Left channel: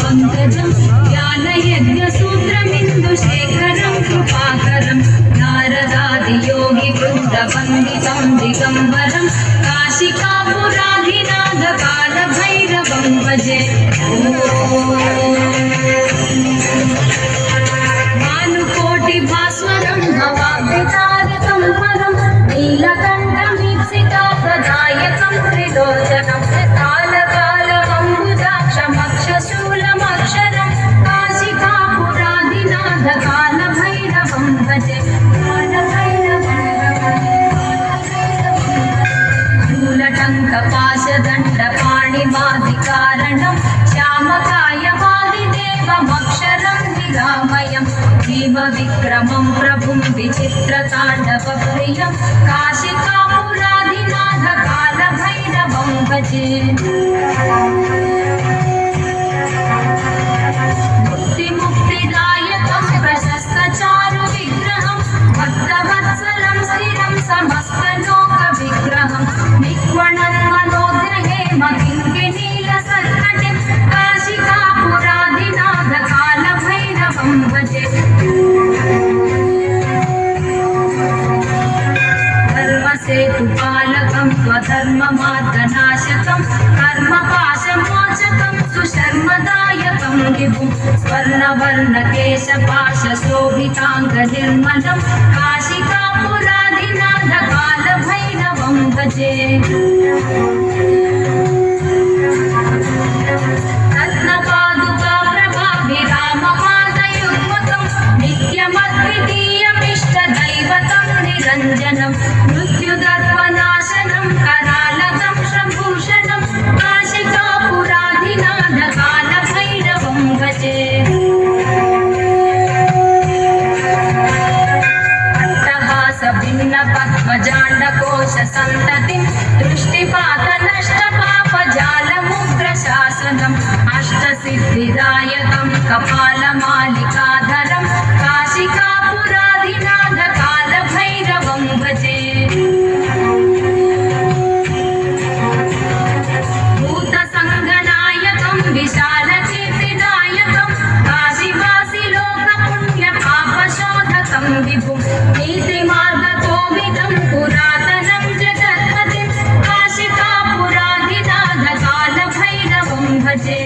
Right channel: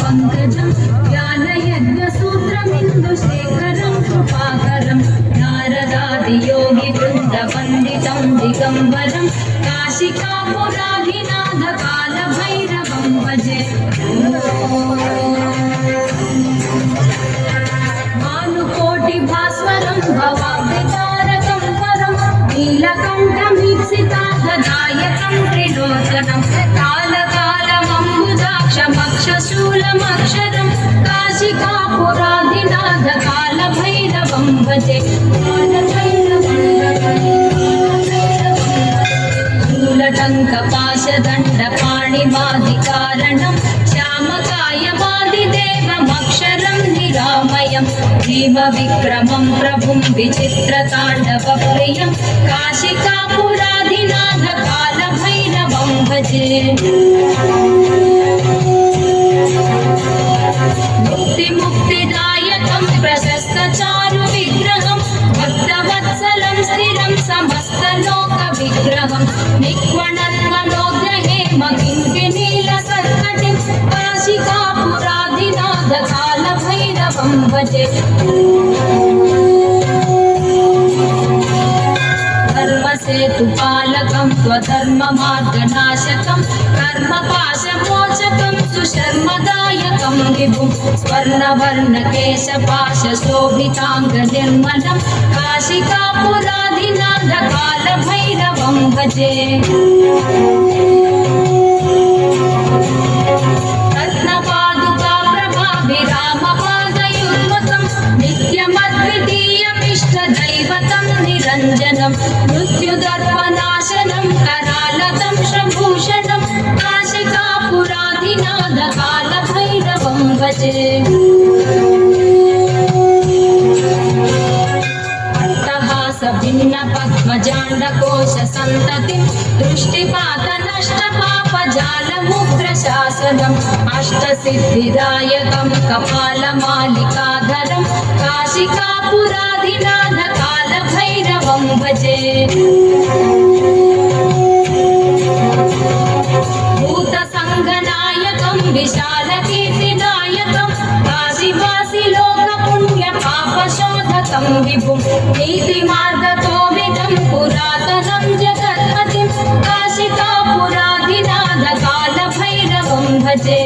पंकजं ज्ञानयज्ञसूत्रमिन्दुशेखरं कृपाकरं नारदादियोगिवृन्दवन्दितं दिगम्बरं काशिकापुराधिनाथकालभैरवं भजे। भानुकोटिभास्वरं भवाब्धितारकं परं नीलकण्ठमीप्सितापदायकं त्रिलोचनं कालकालमम्बुजाक्षमक्षशूलमक्षरं काशिकापुराधिनाथकालभैरवं भजे। मूलटङ्कपाशदण्डपाणिमादिकारणं श्यामकायवादिदेवमक्षरं निरामयं जीवविक्रमं प्रभुं विचित्रताण्डवप्रियं काशिकापुराधिनाथकालभैरवं भजे। मुक्तिदायकं प्रशस्तचारुविग्रहं भक्तवत्सलं स्थिरं समस्तलोकविग्रहं निक्वणन्मनोग्रहे मकिङ्किणीलसत्कटिं काशिकापुराधिनाथकालभैरवं भजे। धर्मसेतुपालकं स्वधर्ममार्गनाशकं कर्मपाशमोचकं सुशर्मदायकं विभुं स्वर्णवर्णकेशपाशशोभिताङ्गनिर्मलं काशिकापुराधिनाथकालभैरवं भजे। रत्नपादुकाप्रभाभिरामपादयुग्मकं नित्यमद्वितीयमिष्टदैवतं निरञ्जनं मृत्युदर्पनाशनं करालतं श्रभूषणं काशिकापुराधिनाथकालभैरवं भजे। अट्टहासभिन्नपद्मजाण्डकोशसन्ततिं दृष्टिपातनष्टपापजालमुग्रशासनम् अष्टसिद्धिदायकं कपालमालिकाधरं काशिकापुराधिनाथकालभैरवं भजे। भूतसङ्गनायकं विशालकीर्तिदायकं काशीवासिलोकपुण्यपापशोधकं विभुं नीतिमार्गकोविदं पुरातनं जगत्पतिं काशिकापुराधिनाथकालभैरवं भजे।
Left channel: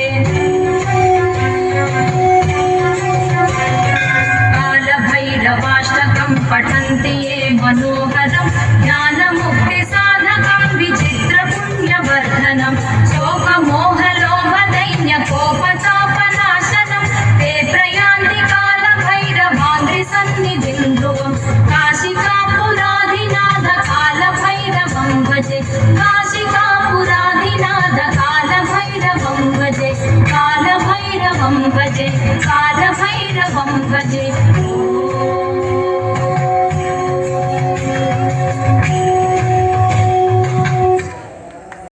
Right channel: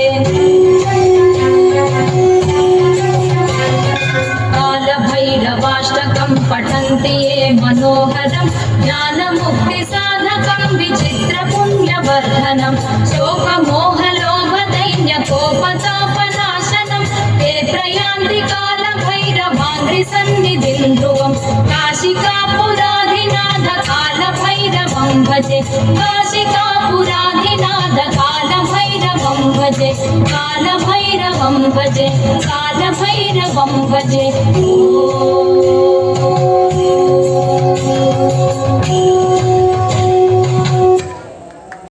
कालभैरवाष्टकं पठन्ति ये मनोहरं ज्ञानमुक्तिसाधकं विचित्रपुण्यवर्धनं शोकमोहलोभदैन्यकोपतापनाशनं ते प्रयान्ति कालभैरवाङ्घ्रिसन्निधिं ध्रुवं काशिकापुराधिनाथकालभैरवं भजे। काशिकापुराधिनाथकालभैरवं भजे। कालभैरवं भजे। कालभैरवं भजे।